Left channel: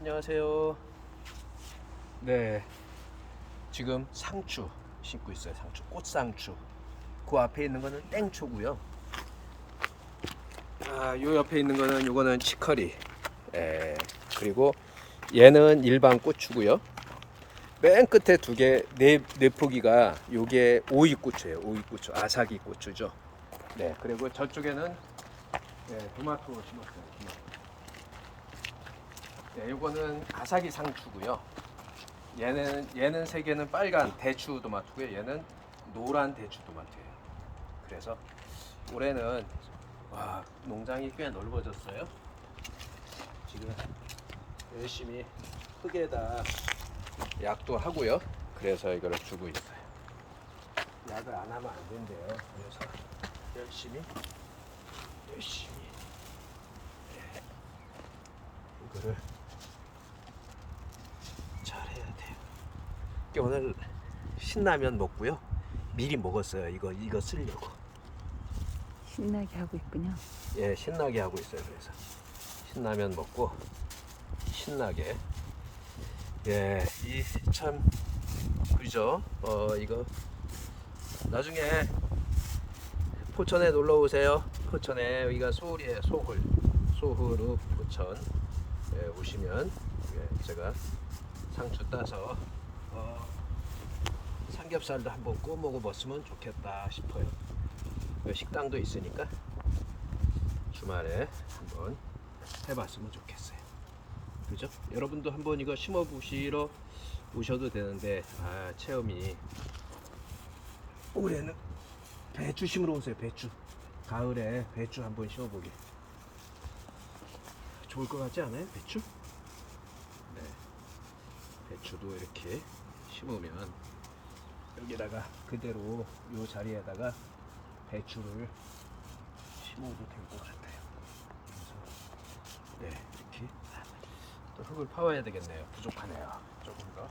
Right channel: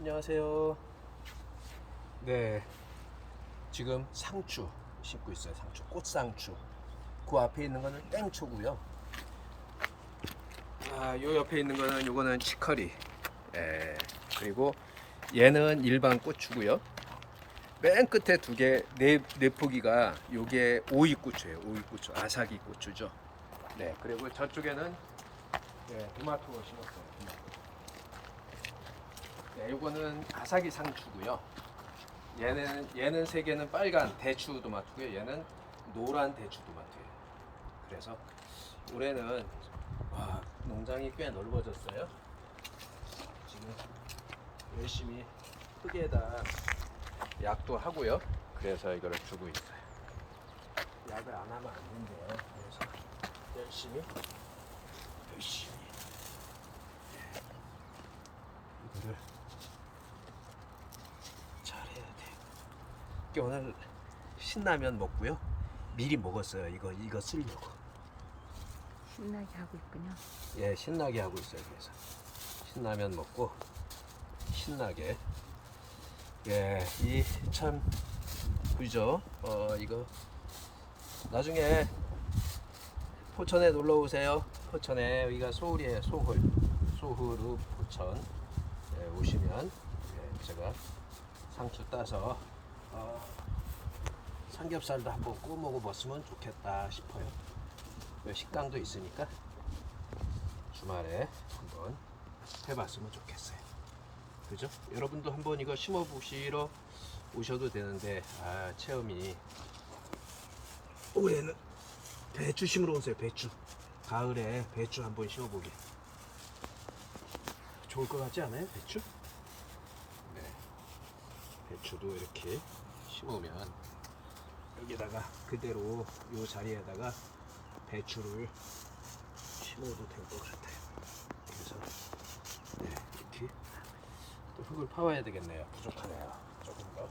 안녕하세요. 네, 지금 상추 심고 있어요. 상추, 꽃상추. 그 앞에 있는 거는 땡초고요. 아, 요 옆에 있는 거는 요거는 치커리. 예, 그리고 얘는 일반 고추고요. 맨 끝에 두 개, 네, 네 포기가 요게 오이고추예요. 오이고추, 아사기 고추죠. 네, 그리고 저쪽에는 네, 토마토 심었어요. 네, 요거는 아사기 상추고요. 얘는 얘는 세 개는 빨간 대추 토마토고요. 얘는 노란 대추 토마토예요. 그래서 올해는 와 농장이 꽤 넓어졌어요. 지금 열심히 흙에다 약도 하고요. 그래서 이거를 주고 있어요. 약을 안 하면 안 된대요. 그래서 열심히 열심히 예, 이거를 잘해야 돼요. 그러니까 오늘 신라면 먹고요. 미리 먹었어요. 이거 이거 쓰려고. 신나게 하고 있군요. 예, 신나게 하고 있어요. 그래서 신라면 먹고 신나게 예, 이 참 그죠? 어 이거 나중에 포천에 놀러 오세요. 포천에 여기가 소홀이에요. 소홀 소홀읍 포천 예, 오시면 예, 제가 상추 따서 어, 삼겹살도 한번 구워 먹어봤으면 좋겠다 싶어요. 식당도 있으니까 주말에 한번 해봤으면 좋겠어요. 그죠? 여러분도 한번 이거 심어 보시러 오셔도 되는데 아 체험이 올해는 배추 심으러 오세요. 배추 가을에 배추 한번 심어보기 좋을 것 같지 않아요? 배추? 네 배추도 이렇게 심으면 여기다가 그대로 요 자리에다가 배추를 심어도 될 것 같아요. 그래서 네 이렇게 또 흙을 파와야 되겠네요. 부족하네요. 조금 더.